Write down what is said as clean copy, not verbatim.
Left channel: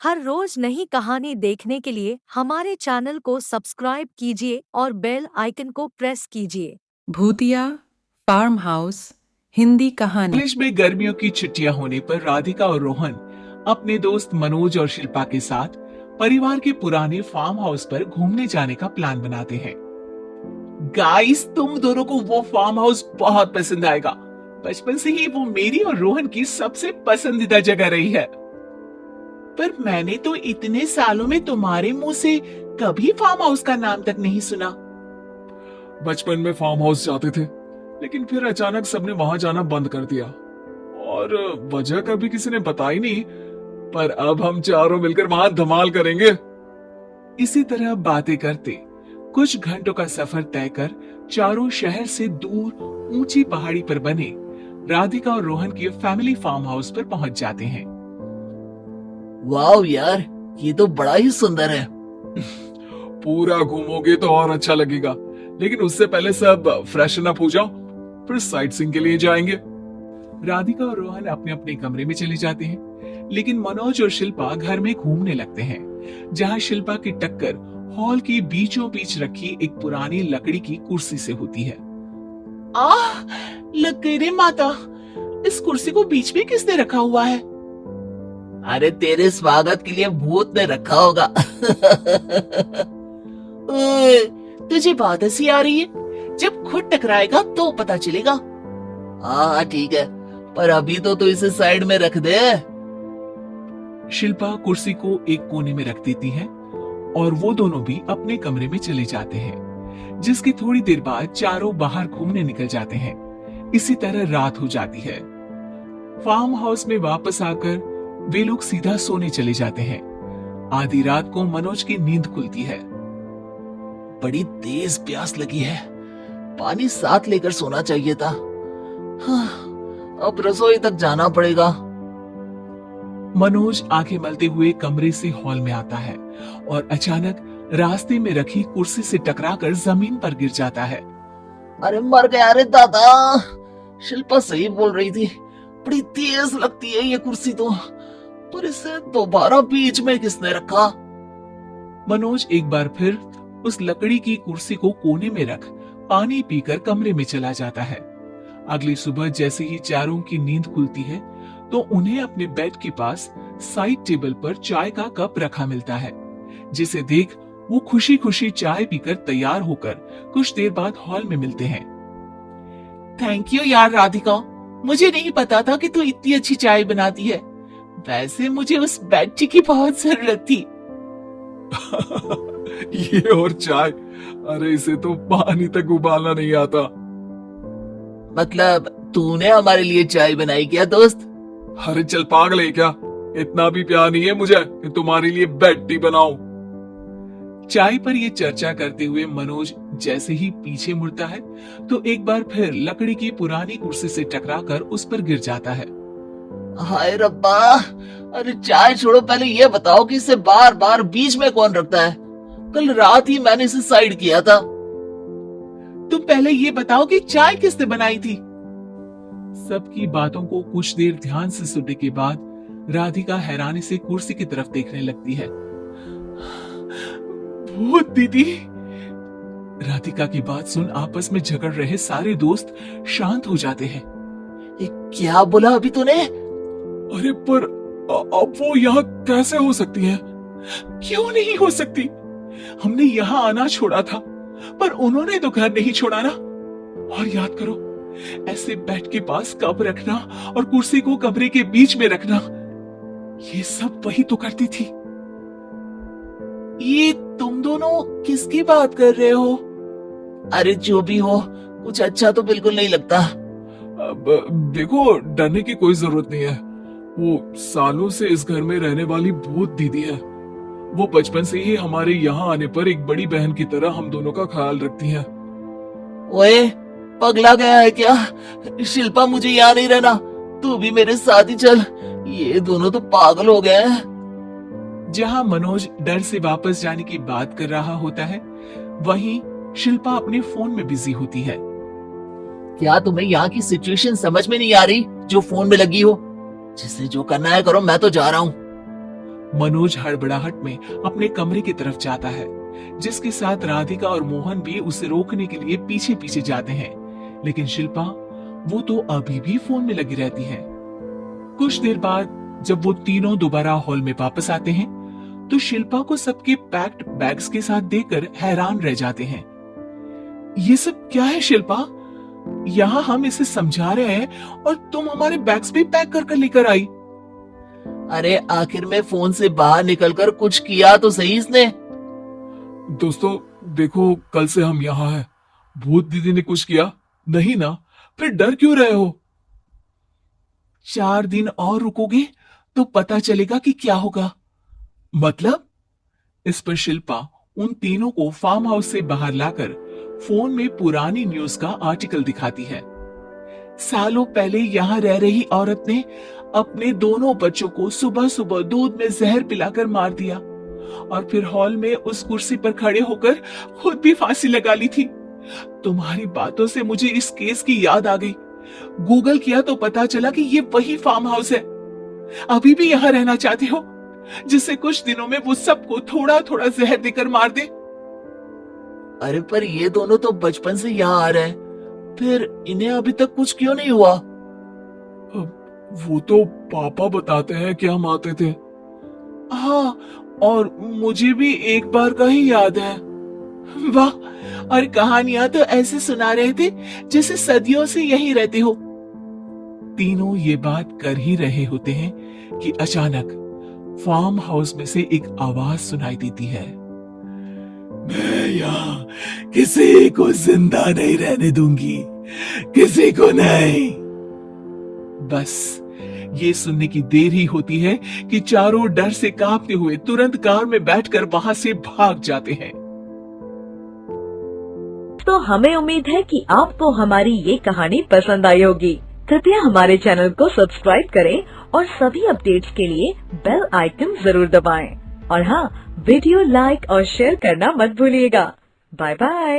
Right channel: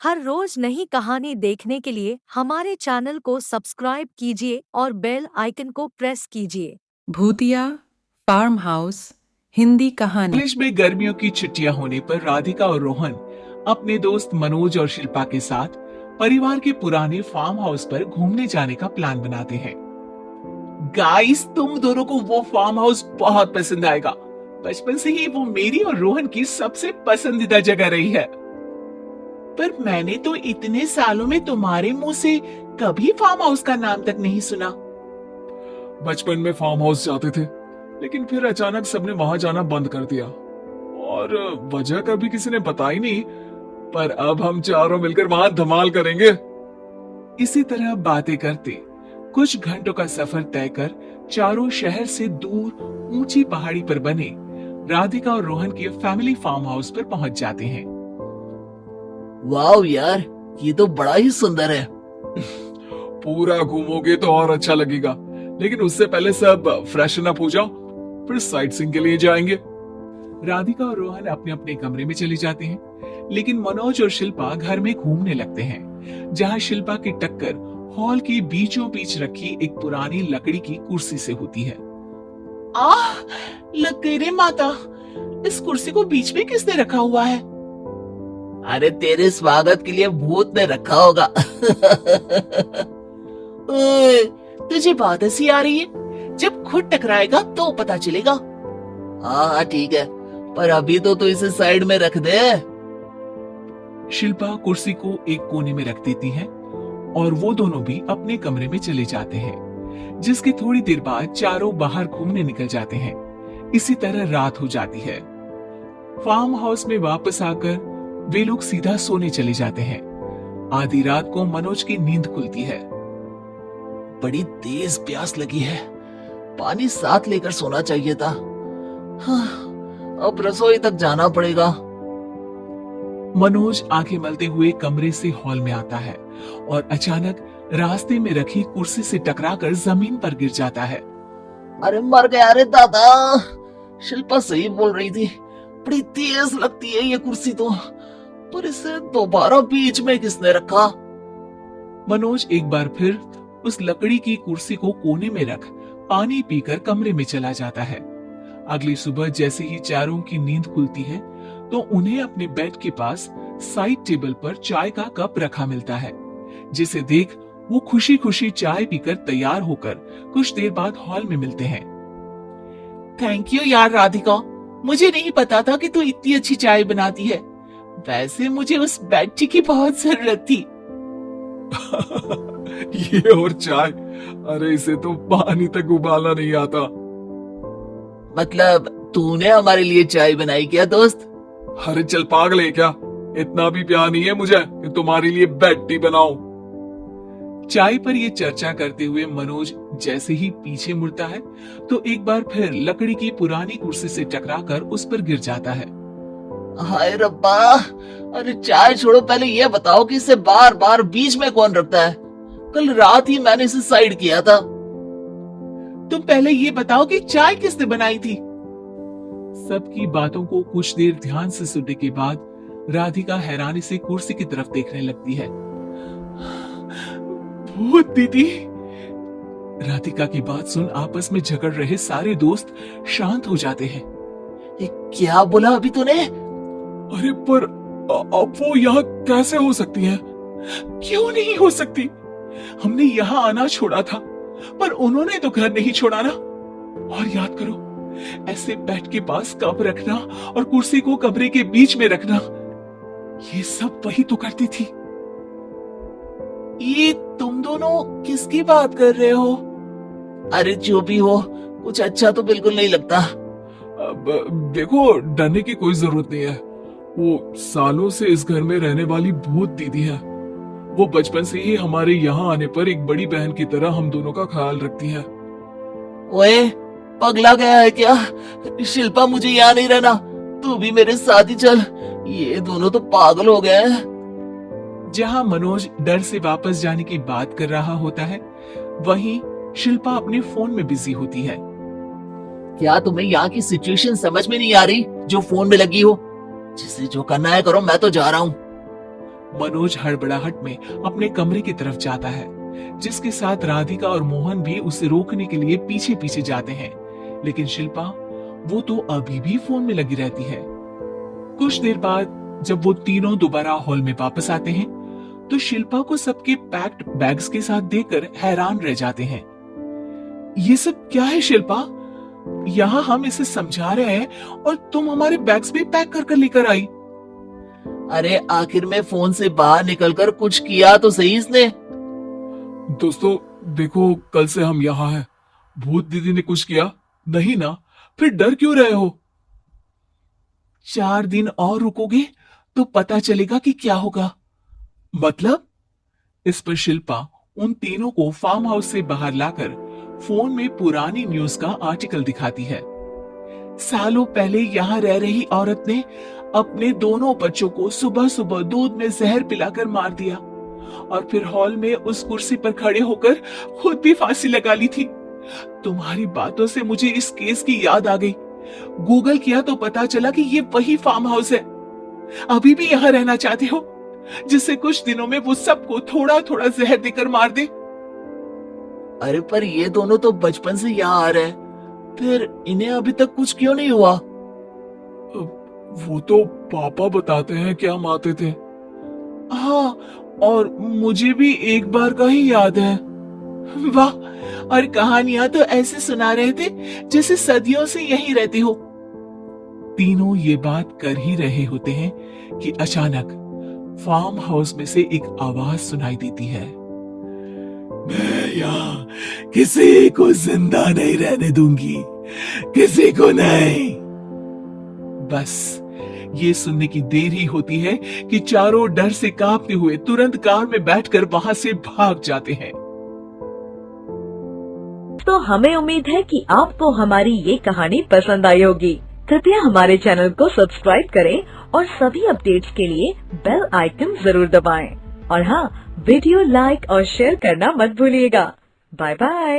हर रोज नई कहानी देखने के लिए हमारे चैनल को सब्सक्राइब कीजिए और बेल आइकन को प्रेस कीजिए। भूतिया फार्म हाउस हिंदी कहानी। कॉलेज में गर्मियों की छुट्टियां होने पर राधिका और रोहन अपने दोस्त मनोज और शिल्पा के साथ परिवार के पुराने फार्म हाउस पर घूमने जाने का प्लान बनाते हैं। गाइस, तुम दोनों को वो फार्म हाउस बहुत पसंद आएगा। बचपन से ही वो मेरी और रोहन की सबसे पसंदीदा जगह रही है। पर मैंने तो इतने सालों में तुम्हारे मुंह से कभी फार्म हाउस का नाम तक नहीं सुना। बचपन में फार्म हाउस जाते थे, लेकिन फिर अचानक सबने वहां जाना बंद कर दिया और वजह कभी किसी ने बताई नहीं। पर अब हम चारों मिलकर वहां धमाल करेंगे। इसी तरह बातें करते कुछ घंटों का सफर तय कर चारों शहर से दूर ऊंची पहाड़ी पर बने राधिका और रोहन के फैमिली फार्म हाउस पर पहुंच जाते हैं। वाह यार, ये तो बड़ा ही सुंदर है। पूरा घूमोगे तो और अच्छा लगेगा, लेकिन उससे पहले सब फ्रेशन अप हो जाओ, फिर साइट सीइंग के लिए जाएंगे। राधिका और रोहन अपने अपने कमरे में चले जाते हैं, लेकिन मनोज और शिल्पा घर में घूमने लगते हैं, जहां शिल्पा की टक्कर हॉल के बीचों बीच रखी एक पुरानी लकड़ी की कुर्सी से होती है। आह, लग गई रे माता, इस कुर्सी को बीच में किसने रखा हुआ है? अरे तेरे स्वागत के लिए भूत ने रखा होगा। ओए, तुझे बहुत हंसी आ रही है। जब खुद टकराएगा तो पता चलेगा। हाँ ठीक है, पर अभी तो इसे साइड में रख दे। शिल्पा कुर्सी को एक कोने में रख देती है और वो दोनों भी अपने कमरे में चले जाते हैं, जिसकी थोड़ी देर बाद चारों बाहर घूमने निकल जाते हैं। इसी तरह रात हो जाती है। फार्म हाउस में वापस आकर वे लोग सीधा सोने चले जाते हैं। आधी रात को मनोज की नींद खुलती है। बड़ी तेज प्यास लगी है, पानी साथ लेकर सोना चाहिए था। हाँ, अब रसोई तक जाना पड़ेगा। मनोज आंखें मलते हुए कमरे से हॉल में आता है और अचानक रास्ते में रखी कुर्सी से टकराकर जमीन पर गिर जाता है। अरे मर गया रे दादा। शिल्पा सही बोल रही थी, बड़ी तेज लगती है ये कुर्सी तो, पर इसे दोबारा बीच में किसने रखा? मनोज एक बार फिर उस लकड़ी की कुर्सी को कोने में रख पानी पीकर कमरे में चला जाता है। अगली सुबह जैसे ही चारों की नींद खुलती है तो उन्हें अपने बेड के पास साइड टेबल पर चाय का कप रखा मिलता है, जिसे देख वो खुशी खुशी चाय पीकर तैयार होकर कुछ देर बाद हॉल में मिलते हैं। थैंक यू यार राधिका, मुझे नहीं पता था कि तू इतनी अच्छी चाय बनाती है। वैसे मुझे उस बेड की बहुत जरूरत थी। ये और चाय, अरे इसे तो पानी तक उबालना नहीं आता। मतलब तूने हमारे लिए चाय बनाई क्या दोस्त? अरे चल पागल है क्या, इतना भी प्यार नहीं है मुझे कि तुम्हारे लिए बेड टी बनाऊं। चाय पर ये चर्चा करते हुए मनोज जैसे ही पीछे मुड़ता है तो एक बार फिर लकड़ी की पुरानी कुर्सी से टकराकर उस पर गिर जाता है। हाय रब्बा, अरे चाय छोड़ो, पहले ये बताओ कि इसे बार बार बीच में कौन रखता है? कल रात ही मैंने इसे साइड किया था। तुम पहले ये बताओ कि चाय किसने बनाई थी? सबकी बातों को कुछ देर ध्यान से सुनने के बाद राधिका हैरानी से कुर्सी की तरफ देखने लगती है। भूत दीदी। राधिका की बात सुन आपस में झगड़ रहे सारे दोस्त शांत हो जाते हैं। ये क्या बोला अभी तूने? अरे पर अब वो यहाँ कैसे हो सकती हैं? क्यों नहीं हो सकती? हमने यहाँ आना छोड़ा था, पर उन्होंने तो घर नहीं छोड़ा ना। और याद करो, ऐसे बेड के पास कप रखना और कुर्सी को कमरे के बीच में रखना, ये सब वही तो करती थी। ये तुम दोनों किसकी बात कर रहे हो? अरे जो भी हो, कुछ अच्छा तो बिल्कुल नहीं लगता। अब देखो, डरने की कोई जरूरत नहीं है। वो सालों से इस घर में रहने वाली भूत दीदी है। वो बचपन से ही हमारे यहाँ आने पर एक बड़ी बहन की तरह हम दोनों का ख्याल रखती हैं। ओए, पगला गया है क्या? शिल्पा, मुझे यहाँ नहीं रहना, तू भी मेरे साथ ही चल। ये दोनों तो पागल हो गए हैं। जहां मनोज डर से वापस जाने की बात कर रहा होता है, वहीं शिल्पा अपने फोन में बिजी होती है। क्या तुम्हें यहाँ की सिचुएशन समझ में नहीं आ रही जो फोन में लगी हो? जिसे जो करना है करो, मैं तो जा रहा हूँ। मनोज हड़बड़ाहट में अपने कमरे की तरफ जाता है, जिसके साथ राधिका और मोहन भी उसे रोकने के लिए पीछे पीछे जाते हैं। लेकिन शिल्पा, वो तो अभी भी फोन में लगी रहती है। कुछ देर बाद जब वो तीनों दोबारा हॉल में वापस आते हैं, तो शिल्पा को सबके पैक्ड बैग्स के साथ देखकर हैरान रह जाते हैं। ये सब क्या है शिल्पा? यहाँ हम इसे समझा रहे हैं और तुम हमारे बैग्स भी पैक कर कर लेकर आई। अरे आखिर में फोन से बाहर निकलकर कुछ किया तो सही इसने। दोस्तों देखो, कल से हम यहाँ हैं। भूत दीदी ने कुछ किया नहीं ना? फिर डर क्यों रहे हो? 4 दिन और रुकोगे तो पता चलेगा कि क्या होगा। मतलब? इस पर शिल्पा उन तीनों को फार्म हाउस से बाहर लाकर फोन में पुरानी न्यूज का आर्टिकल दिखाती है। सालों पहले यहाँ रह रही औरत ने अपने दोनों बच्चों को सुबह सुबह दूध में जहर पिलाकर मार दिया और फिर हॉल में उस कुर्सी पर खड़े होकर खुद भी फांसी लगा ली थी। तुम्हारी बातों से मुझे इस केस की याद आ गई। गूगल किया तो पता चला कि ये वही फार्म हाउस है। अभी भी यहाँ रहना चाहते हो, जिससे कुछ दिनों में वो सबको थोड़ा थोड़ा जहर देकर मार दे? अरे पर ये दोनों तो बचपन से यहाँ आ रहे हैं, फिर इन्हें अभी तक कुछ क्यों नहीं हुआ? वो तो पापा बताते हैं कि हम आते थे। हाँ, और मुझे भी एक बार का ही याद है। वाह, और कहानियां तो ऐसे सुना रहे थे जैसे सदियों से यहीं रहते हो। तीनों ये बात कर ही रहे होते हैं कि अचानक फार्म हाउस में से एक आवाज सुनाई देती है। मैं यहाँ किसी को जिंदा नहीं रहने दूंगी, किसी को नहीं। बस ये सुनने की देर ही होती है कि चारों डर से कांपते हुए तुरंत कार में बैठकर वहां से भाग जाते हैं। तो हमें उम्मीद है कि आपको हमारी ये कहानी पसंद आई होगी। कृपया हमारे चैनल को सब्सक्राइब करें और सभी अपडेट्स के लिए बेल आइकन जरूर दबाएं। और हाँ, वीडियो लाइक और शेयर करना मत भूलिएगा। Bye bye.